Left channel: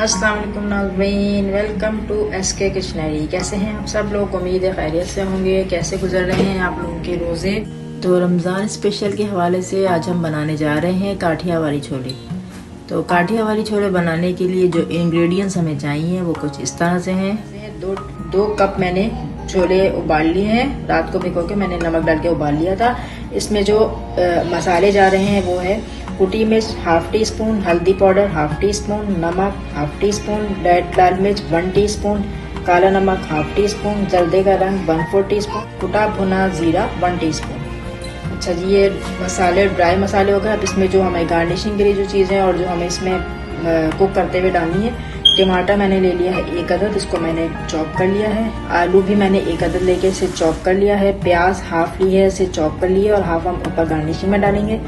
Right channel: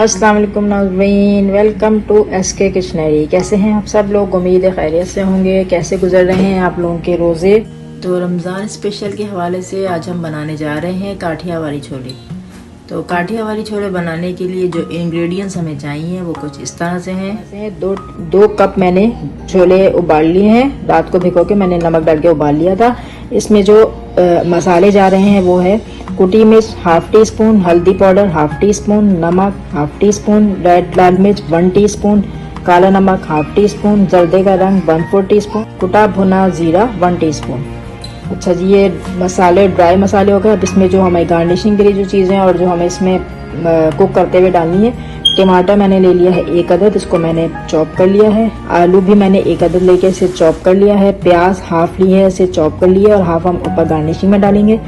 अस्सलाम वालेकुम नाज़रीन, वेलकम टू एसके किचनरी। कैसे हैं आप सब लोग? उम्मीद है खैरियत से होंगे। कैसे गुजर रहे हैं आप लोगों के रोज़े? तो रमज़ान स्पेशल के हवाले से आज हम बनाने जा रहे हैं काठिया वाली छोले। तो काठिया वाली छोले बनाने के लिए जो इंग्रेडिएंट्स हमें चाहिए वो कुछ इस तरह से हैं। दो कप मैंने छोले उबाल लिए हैं। रात को भिगो के मैंने नमक डाल के उबाल लिया था। इसमें जो मसाले जा रहे हैं वो है कुटी मिर्च हाफ टी स्पून, हल्दी पाउडर हाफ टी स्पून, नमक हाफ टी स्पून, रेड लाल मिर्च 1 टीस्पून, काला नमक हाफ टी स्पून, जर्दे का रंग 1/4 टीस्पून, कुटा भुना जीरा 1 टीस्पून। अच्छा जी, ये मसाले ड्राई मसाले हो गए। अब इसमें जो हमें गार्निशिंग के लिए जो चीज़ें और जो हमें इसमें कुक करते हुए डालनी है, टमाटर मैंने ले लिया है 1 अदद, इसको मैंने चॉप कर लिया है। आलू भी मैंने 1 अदद लेके इसे चॉप कर लिया है। प्याज हाफ ली है, इसे चॉप कर लिया और हाफ हम ऊपर गार्निशिंग में डालेंगे।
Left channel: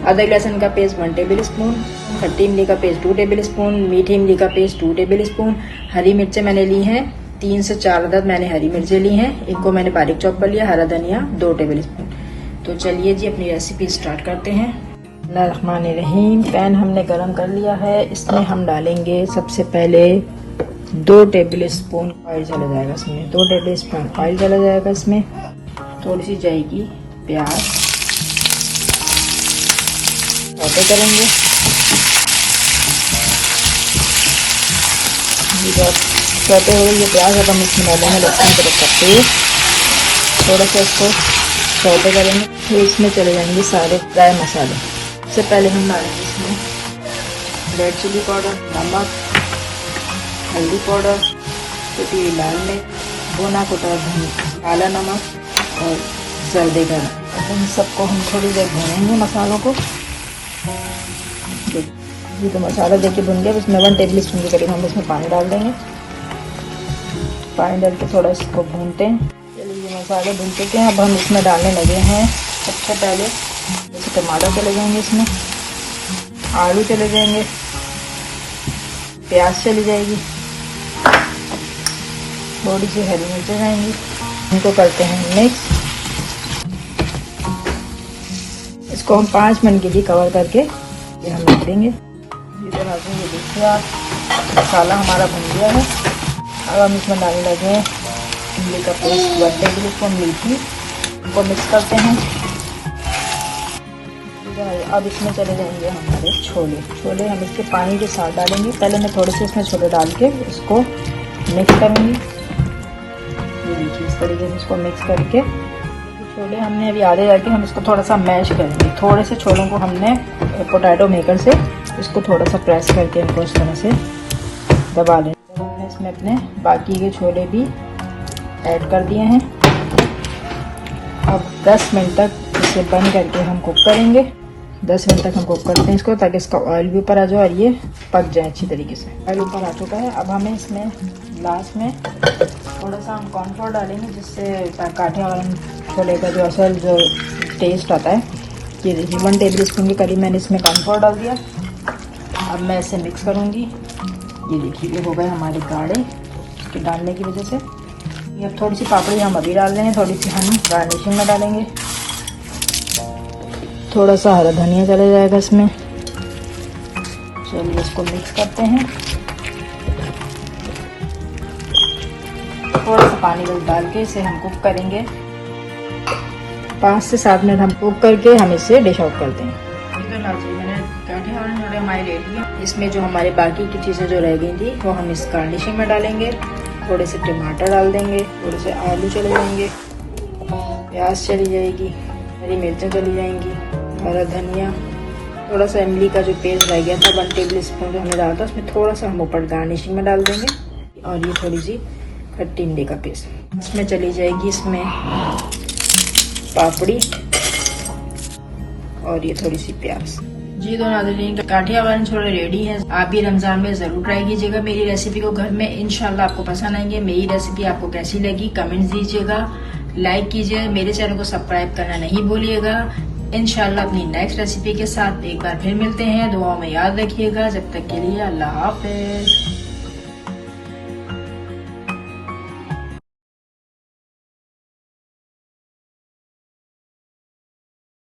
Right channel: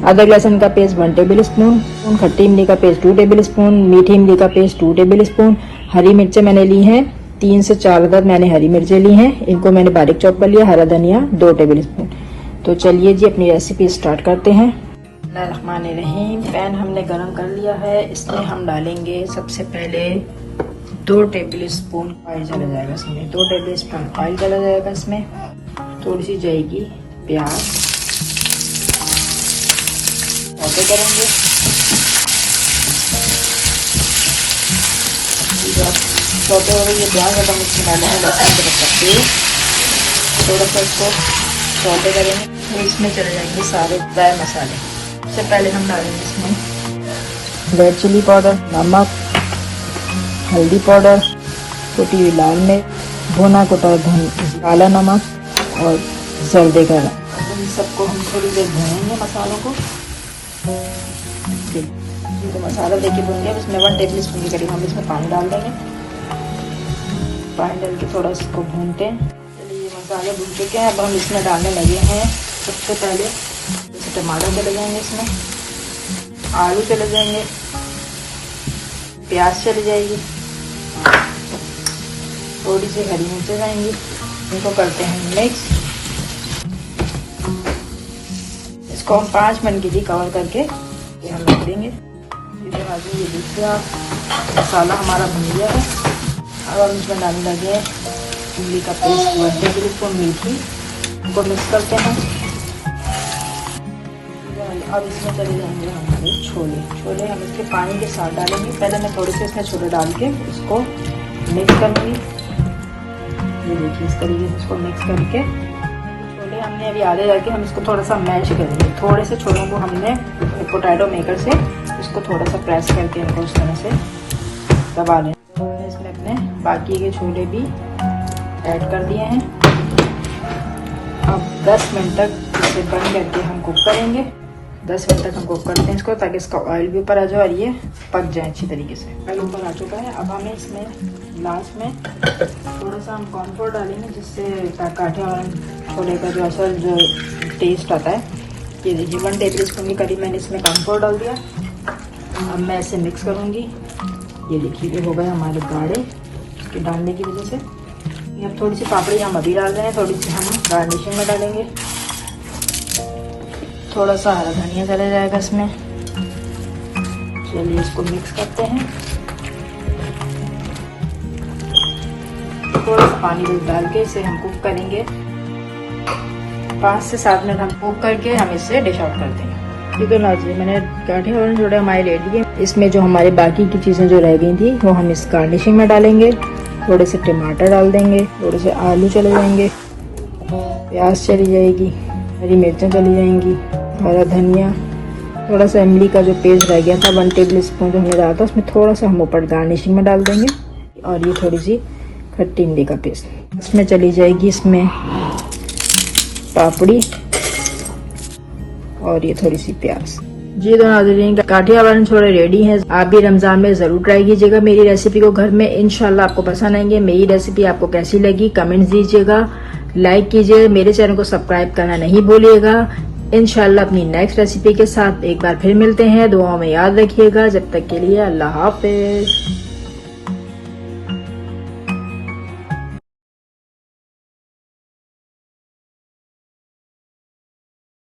अदरक लहसुन का पेस्ट 1 टेबल स्पून, खट्टी इमली का पेस्ट 2 टेबल स्पून, मीठी इमली का पेस्ट 2 टेबल स्पून। हरी मिर्चें मैंने ली हैं 3 से 4 अदद मैंने हरी मिर्चें ली हैं, इनको मैंने बारीक चॉप कर लिया। हरा धनिया 2 टेबल स्पून। तो चलिए जी अपनी रेसिपी स्टार्ट करते हैं। बिस्मिल्लाहिर्रहमानिर्रहीम। पैन हमने गरम कर लिया है, इसमें हम डालेंगे सबसे पहले 2 टेबल स्पून ऑयल चला जाएगा इसमें। 2 टेबल स्पून ऑयल चला जाएगा इसमें। थोड़ी सी जाएगी प्याज करेंगे। प्याज अगर थोड़ा सा इसको सौदे करेंगे। तो इसमें चले जाएंगे सारे ड्राई मसाले। सबसे पहले हम डालेंगे इसमें रेड चिली पाउडर, नमक, हल्दी पाउडर, कुटी हुई लाल मिर्च, भुना कुटा काला नमक और जर्दे का रंग। इन सबको हम थोड़ी देर भूनेंगे मसालों को। तो मसाला देखिए भून लिया। उसमें 1 टेबल स्पून के करीब हम इसमें पानी डाल देंगे। पानी डाल के थोड़ा इसको भूनते हैं। मसाले भून के अब हम इसमें डालने लगे हैं। सबसे पहले टमाटर चले जाएंगे, इसमें आलू चले जाएंगे, प्याज चली जाएगी, थोड़ी सी हरी मिर्चें जाएंगी। इनको करते हैं मिक्स। इसको हम 5 मिनट के लिए कवर करके देंगे। मसाला हमारा भून गया है। अब हम इसमें डालने लगे इमली का पेस्ट 1 टेबल स्पून मीठी, इनको मिक्स करते हैं। अब इसमें चले जाएंगे हमारे छोले हम इसमें पानी के साथ डालेंगे। पहले मैं थोड़े से इसमें छोले डाल के इसको मिक्स करेंगे। इस तरीके से इसको मिक्स करके छोले हमने अभी आधे जाके हम इसको थोड़ा सा मैश करेंगे। थोड़े से छोलों को हमने पोटैटो मेकर से इसको थोड़ा सा प्रेस करके हमको उस तरह से दबा दें। इसमें अपने बाकी के छोले भी ऐड कर दिए हैं। अब 10 मिनट तक इसे बंद करके हम कुक करेंगे। 10 मिनट तक हम कुक करते हैं इसको, ताकि इसका ऑयल भी ऊपर आ जाए और ये पक जाए अच्छी तरीके से। ऑयल ऊपर आ चुका है। अब हमें इसमें लास्ट में थोड़ा सा हम कॉर्नफ्लोर डालेंगे, जिससे काठिया छोले का जो असल जो टेस्ट आता है। ये देखिए 1 टेबल स्पून के करीब मैंने इसमें कॉर्नफ्लोर डाल दिया। अब मैं इसे मिक्स करूँगी। ये देखिए ये हो गए हमारे गाढ़े इसके डालने की वजह से। ये अब थोड़ी सी पापड़ी हम अभी डाल रहे हैं, थोड़ी सी हम गार्निशिंग में डालेंगे। थोड़ा सा हरा धनिया चला जाएगा इसमें। चलिए इसको मिक्स करते हैं। थोड़ा सा पानी डाल के इसे हम कुक करेंगे। 5 से 7 मिनट हम कुक करके हम इसे डिश आउट करते हैं। ठीक है नाज़रीन, मैंने काठिया वाले छोले हमारे ले लिए। इसमें जो हमारी बाकी की चीज़ें जो रह गई थी वो हम इस गार्निशिंग में डालेंगे। थोड़े से टमाटर डाल देंगे, थोड़े से आलू चले जाएंगे, प्याज चली जाएगी, हरी मिर्चें चली जाएंगी, हरा धनिया, थोड़ा सा इमली का जो पेस्ट रह गया था 1 टेबल स्पून जो डाला था उसमें थोड़ा सा हम ऊपर गार्निशिंग में डाल देंगे। और ये थोड़ी सी खट्टी इमली का पेस्ट इसमें चली जाएगी। इसमें पापड़ी और ये थोड़ी सी प्याज। जी तो नाज़रीन, काठिया वाले छोले रेडी हैं। आप भी रमजान में जरूर ट्राई कीजिएगा मेरी रेसिपी को घर में। इंशाल्लाह आपको पसंद आएंगे। मेरी रेसिपी आपको कैसी लगी कमेंट्स दीजिएगा, लाइक कीजिए, मेरे चैनल को सब्सक्राइब करना नहीं भूलिएगा। इंशाल्लाह अपनी नेक्स्ट रेसिपी के साथ एक बार फिर मिलते हैं। दुआओं में याद रखिएगा। जब तक के लिए अल्लाह हाफिज।